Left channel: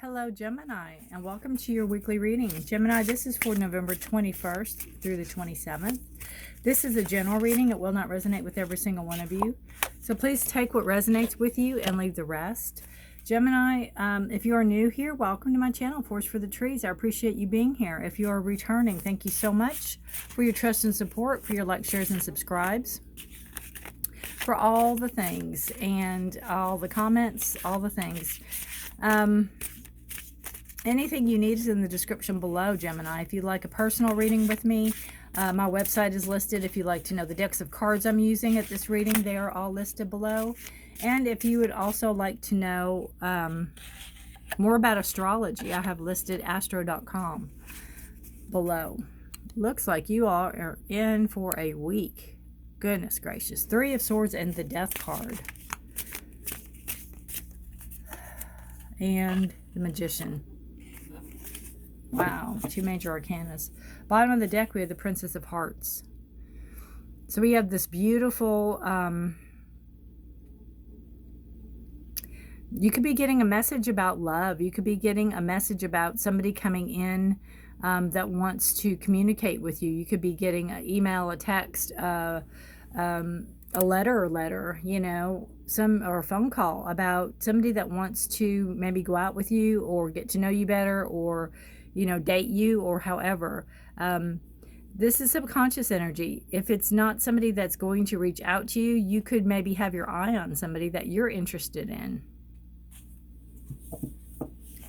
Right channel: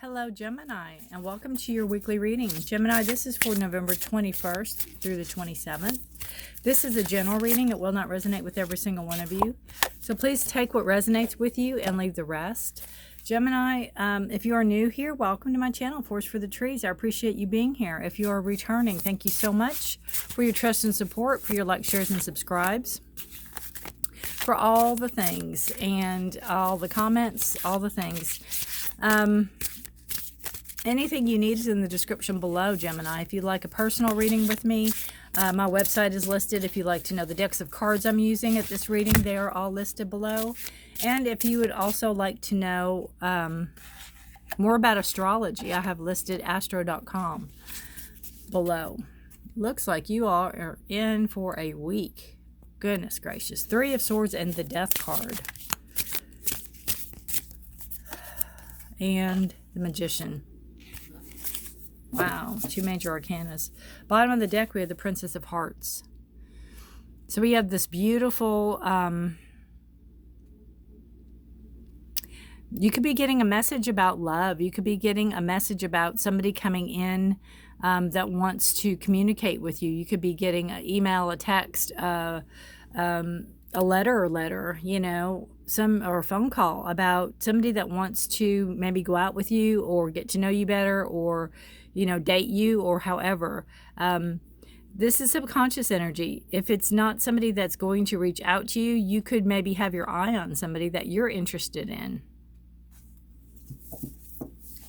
Hello, Gemini, and welcome to your weekly reading. Gemini, this is for November 21st through the 27th. This is a general reading. It will not resonate with every single one of you. So please take what resonates with you and leave the rest. Gemini, if you are new here, welcome to my channel, Forest for the Trees. I appreciate you being here. If you are returning, thank you so much for your trust and support, for your likes, shares, and subscribes, for all the things and all the comments, all the things. Anything you need is in the description below, Gemini. If you'd like a personal reading with me, my website is listed. If you'd like to know the decks of cards I'm using at this reading, they are all listed below. And if you would also like to know more about astrology, I have listed astro.com below. Looks like you all are in for a week. Goodness gracious. Three of Swords and the Death card. And the Magician. Wow, two major arcanas. Bottom of the deck, we have the Princess of Hearts. So we have this beautiful, you could be getting a message about love. You could be getting a message about somebody coming in that wants to communicate with you. You could be getting an email, a text, a letter, you know, or a phone call about somebody that wants to maybe go out with you or get to know you better, or you know, date you, or however. This is subconscious energy. If it's not somebody that's going to reach out to you, you could maybe have your eye on somebody that you're interested in.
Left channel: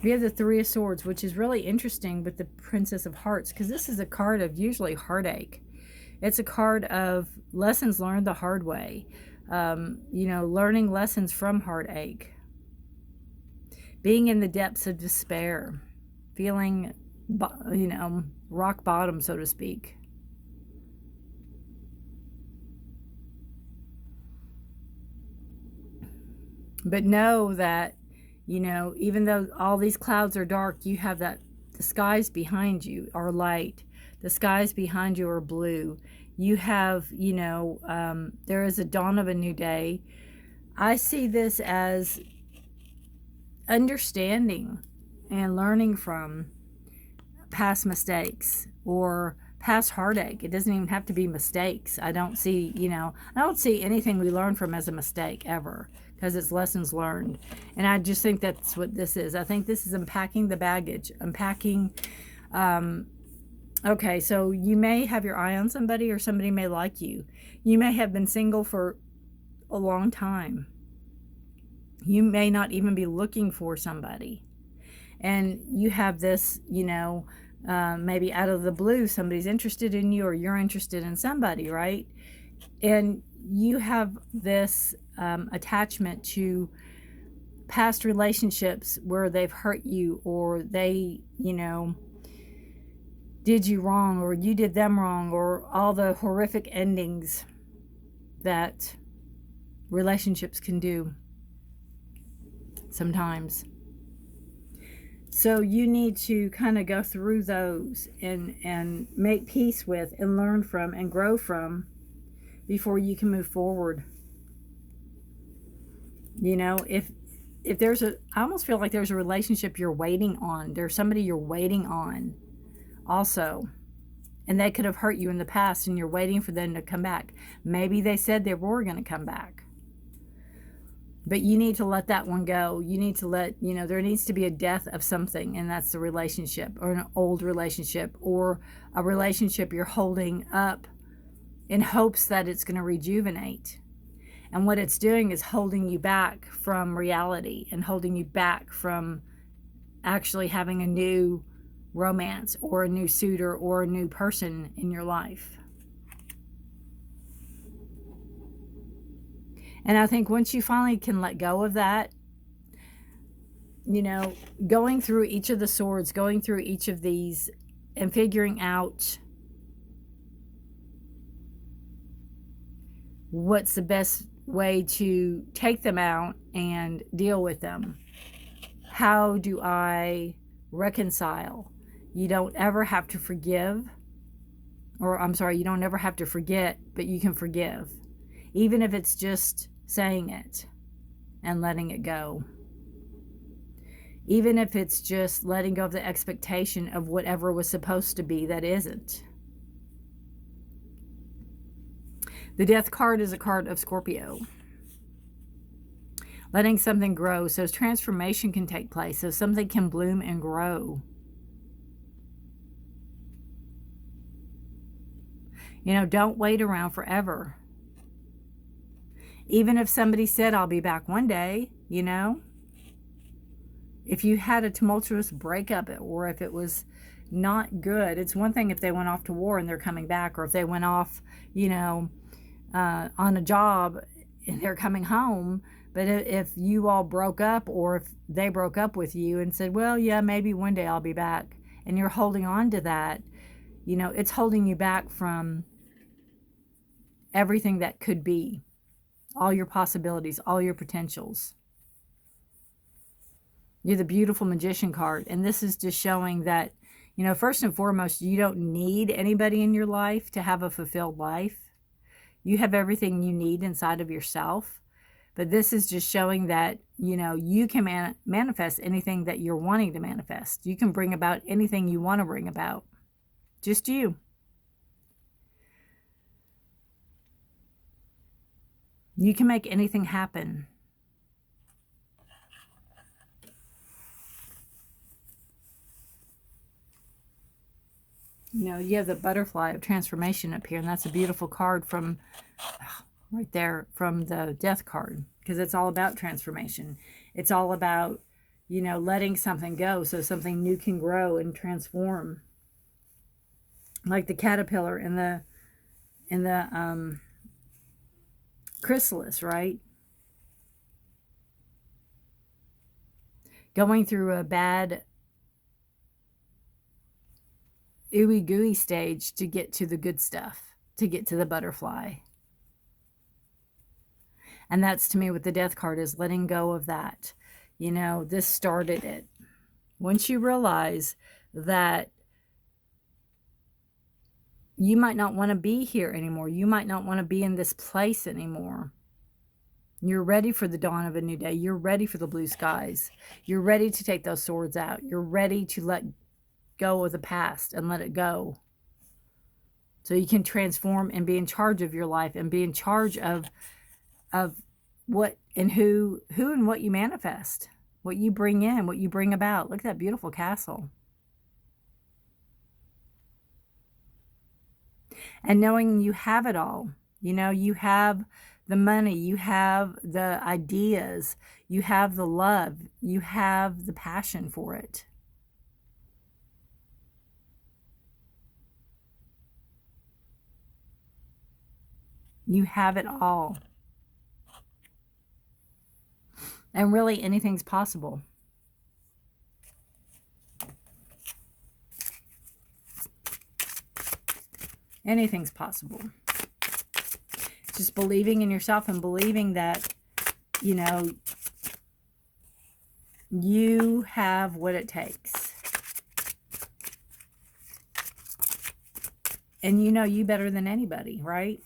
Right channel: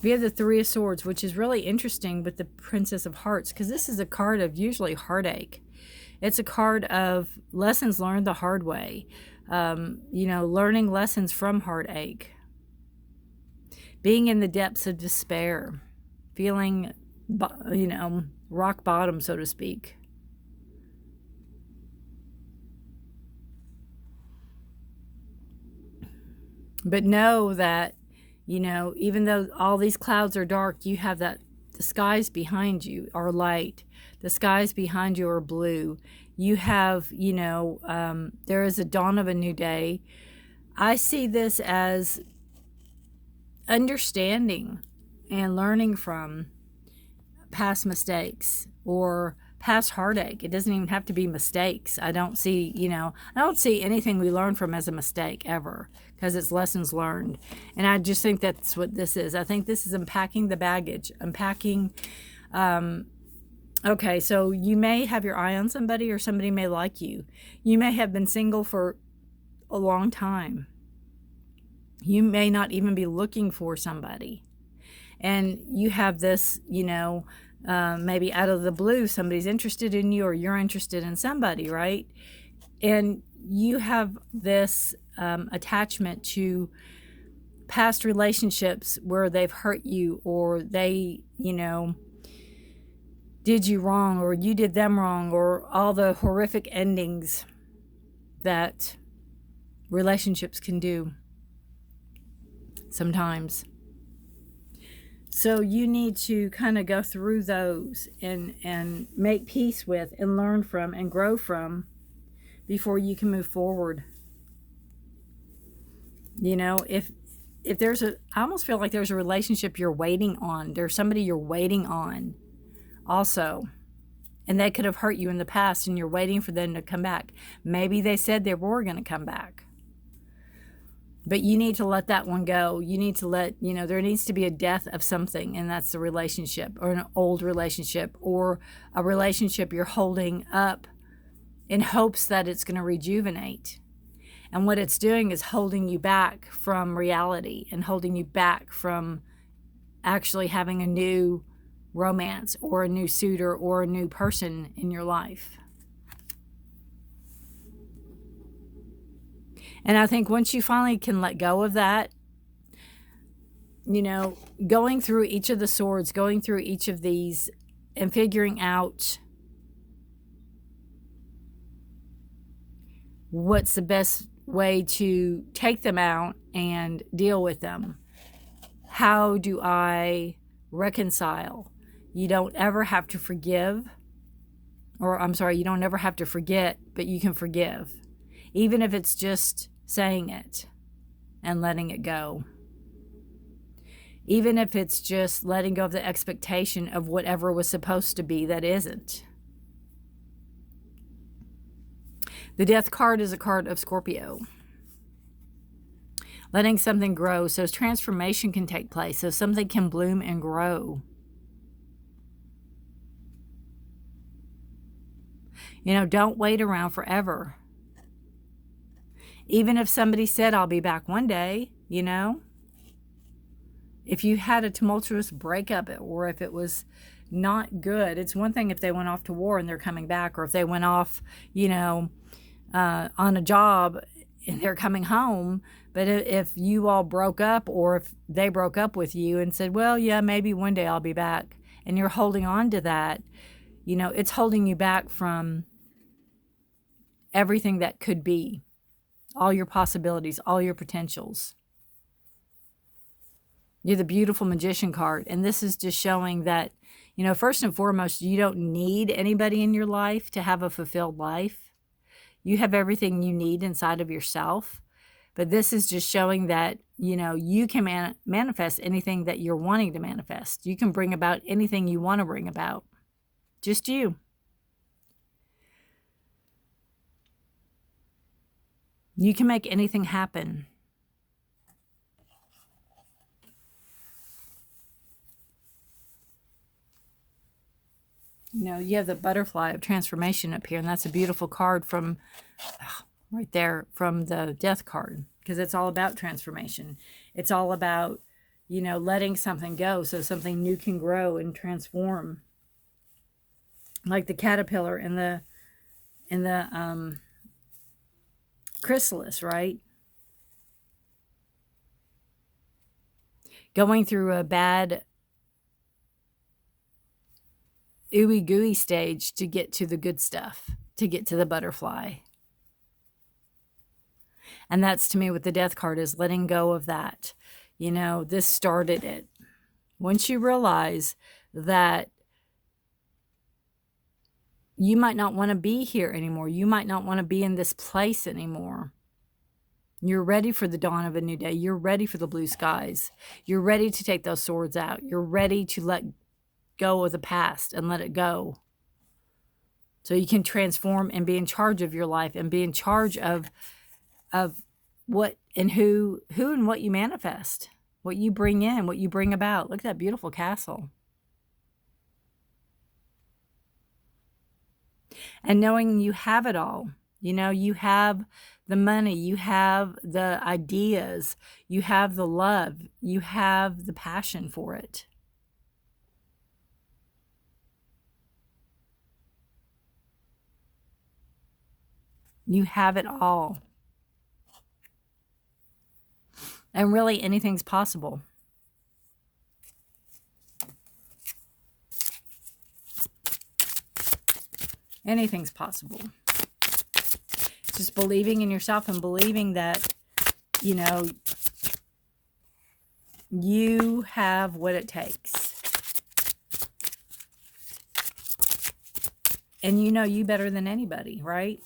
We have the Three of Swords, which is really interesting with the Princess of Hearts, because this is a card of usually heartache. It's a card of lessons learned the hard way. You know, learning lessons from heartache. Being in the depths of despair. Feeling, you know, rock bottom, so to speak. But know that, you know, even though all these clouds are dark, you have that the skies behind you are light. The skies behind you are blue. You have, you know, there is a dawn of a new day. I see this as understanding and learning from past mistakes or past heartache. It doesn't even have to be mistakes. I don't see, you know, I don't see anything we learn from as a mistake ever, because it's lessons learned. And I just think that's what this is. I think this is unpacking the baggage, unpacking. Okay, so you may have your eye on somebody, or somebody may like you. You may have been single for a long time. You may not even be looking for somebody. And you have this, you know, maybe out of the blue, somebody's interested in you, or you're interested in somebody, right? And you have this attachment to past relationships where they've hurt you, or they, you know, did you wrong, or you did them wrong, or all the horrific endings that relationships can do sometimes. So you need to kind of go through those and make peace with and learn from and grow from before you can move forward. You know, if there's I almost feel like there's a relationship you're waiting on. There's somebody you're waiting on also. And they could have hurt you in the past, and you're waiting for them to come back. Maybe they said they were going to come back. But you need to let that one go. You need to let, you know, there needs to be a death of something, and that's the relationship, or an old relationship, or a relationship you're holding up in hopes that it's going to rejuvenate. And what it's doing is holding you back from reality, and holding you back from actually having a new romance, or a new suitor, or a new person in your life. And I think once you finally can let go of that, you know, going through each of the swords, going through each of these and figuring out what's the best way to take them out and deal with them. How do I reconcile? You don't ever have to forgive, or I'm sorry, you don't ever have to forget, but you can forgive. Even if it's just saying it and letting it go. Even if it's just letting go of the expectation of whatever was supposed to be that isn't. The Death card is a card of Scorpio. Letting something grow so transformation can take place, so something can bloom and grow. You know, don't wait around forever. Even if somebody said, I'll be back one day, you know, if you had a tumultuous breakup or if it was not good, it's one thing if they went off to war and they're coming back, or if they went off, you know, on a job and they're coming home. But if you all broke up, or if they broke up with you and said, well, yeah, maybe one day I'll be back, and you're holding on to that, you know, it's holding you back from everything that could be, all your possibilities, all your potentials. You're the beautiful Magician card, and this is just showing that, you know, first and foremost, you don't need anybody in your life to have a fulfilled life. You have everything you need inside of yourself. But this is just showing that, you know, you can manifest anything that you're wanting to manifest. You can bring about anything you want to bring about. Just you. You can make anything happen. You know, you have the butterfly of transformation up here, and that's a beautiful card from right there, from the Death card, because it's all about transformation. It's all about, you know, letting something go so something new can grow and transform. Like the caterpillar in the chrysalis, right? Going through a bad ooey gooey stage to get to the good stuff, to get to the butterfly. And that's, to me, what the Death card is, letting go of that. You know, this started it. Once you realize that you might not want to be here anymore, you might not want to be in this place anymore, you're ready for the dawn of a new day. You're ready for the blue skies. You're ready to take those swords out. You're ready to let go of the past and let it go, so you can transform and be in charge of your life, and be in charge of what and who and what you manifest, what you bring in, what you bring about. Look at that beautiful castle. And knowing you have it all. You know, you have the money, you have the ideas, you have the love, you have the passion for it. You have it all. And really, anything's possible. Anything's possible. Just believing in yourself and believing that, you know, you have what it takes. And you know you better than anybody, right?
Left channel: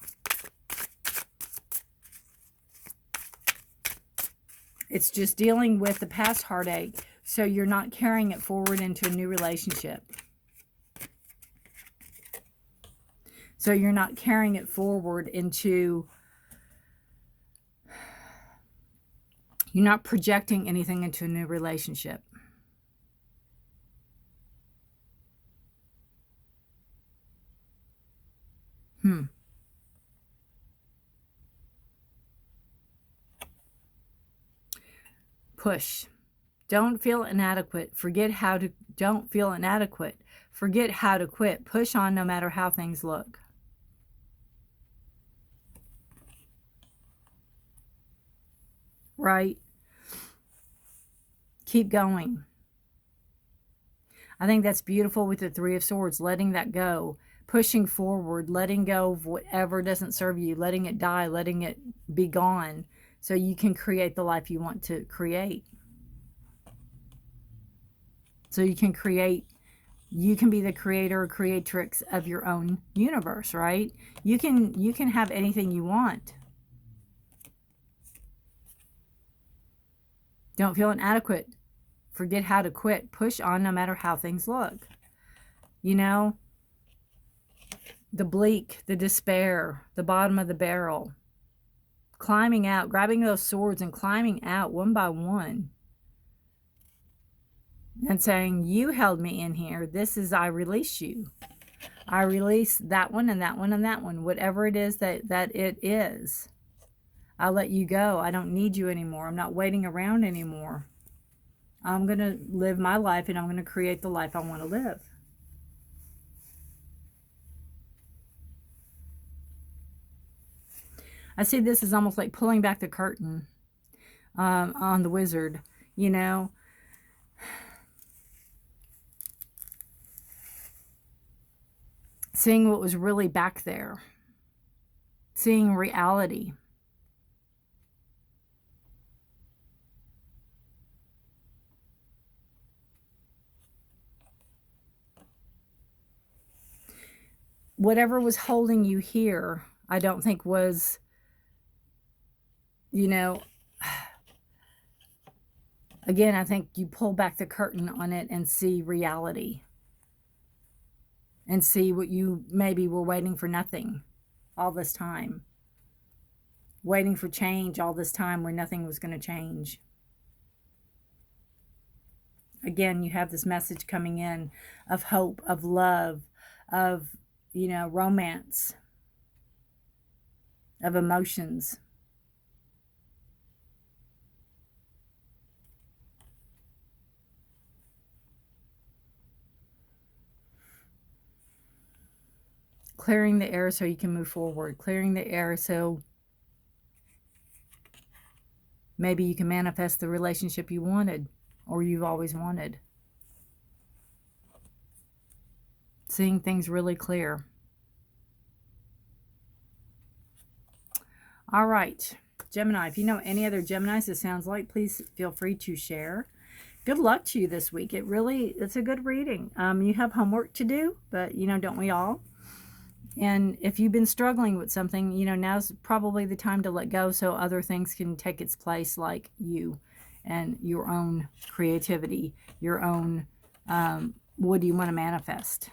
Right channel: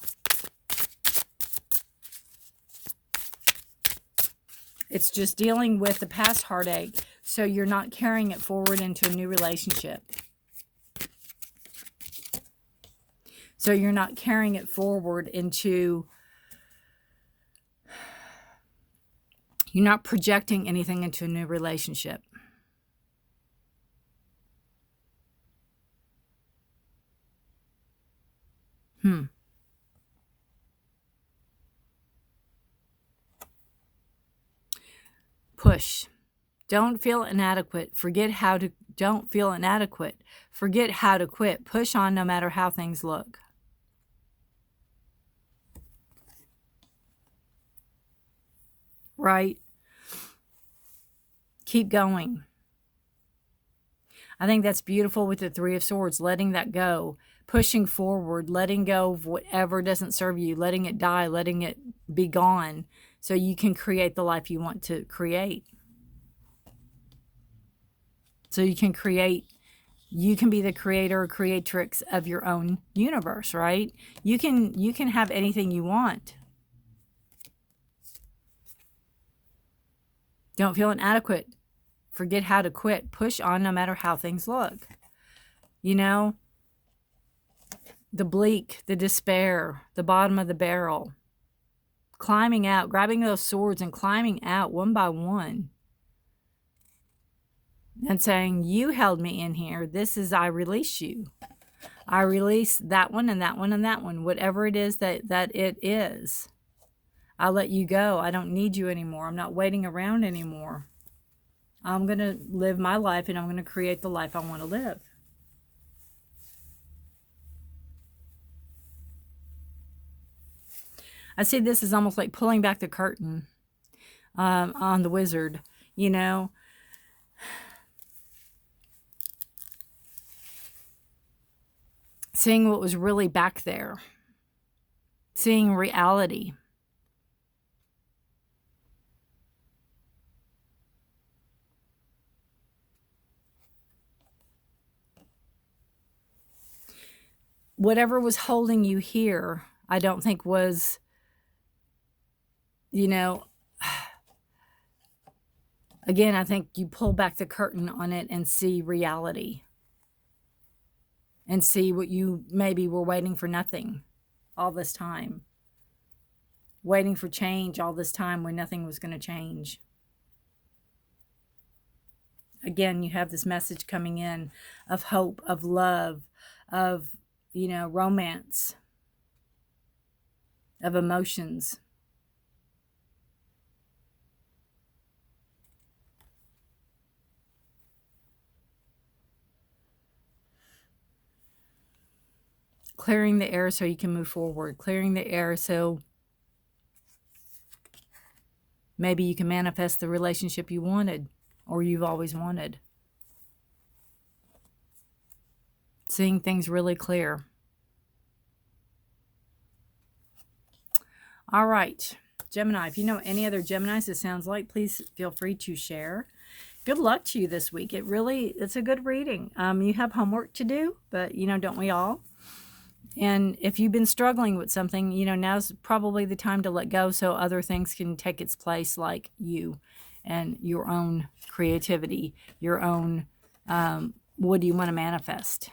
It's just dealing with the past heartache so you're not carrying it forward into a new relationship. So you're not carrying it forward into, you're not projecting anything into a new relationship. Push. Don't feel inadequate. Don't feel inadequate. Forget how to quit. Push on no matter how things look. Right? Keep going. I think that's beautiful with the Three of Swords, letting that go, pushing forward, letting go of whatever doesn't serve you, letting it die, letting it be gone, so you can create the life you want to create. So you can be the creator or creatrix of your own universe, right? You can have anything you want. Don't feel inadequate. Forget how to quit. Push on no matter how things look. You know, the bleak, the despair, the bottom of the barrel. Climbing out, grabbing those swords and climbing out one by one. And saying, you held me in here. This is, I release you. I release that one and that one and that one. Whatever it is that it is. I let you go. I don't need you anymore. I'm not waiting around anymore. I'm going to live my life and I'm going to create the life I want to live. I see this as almost like pulling back the curtain on the wizard, you know. Seeing what was really back there. Seeing reality. Whatever was holding you here, I don't think was, you know, again, I think you pull back the curtain on it and see reality. And see what you maybe were waiting for nothing all this time. Waiting for change all this time when nothing was going to change. Again, you have this message coming in of hope, of love, of, you know, romance, of emotions. Clearing the air so you can move forward. Clearing the air so maybe you can manifest the relationship you wanted or you've always wanted. Seeing things really clear. All right, Gemini, if you know any other Geminis it sounds like, please feel free to share. Good luck to you this week. It's a good reading. You have homework to do, but, you know, don't we all? And if you've been struggling with something, you know, now's probably the time to let go so other things can take its place, like you and your own creativity, your own, what do you want to manifest?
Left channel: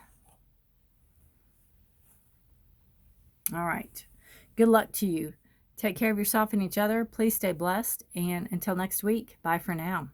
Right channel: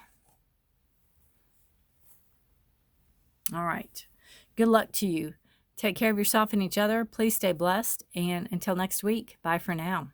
All right. Good luck to you. Take care of yourself and each other. Please stay blessed. And until next week, bye for now.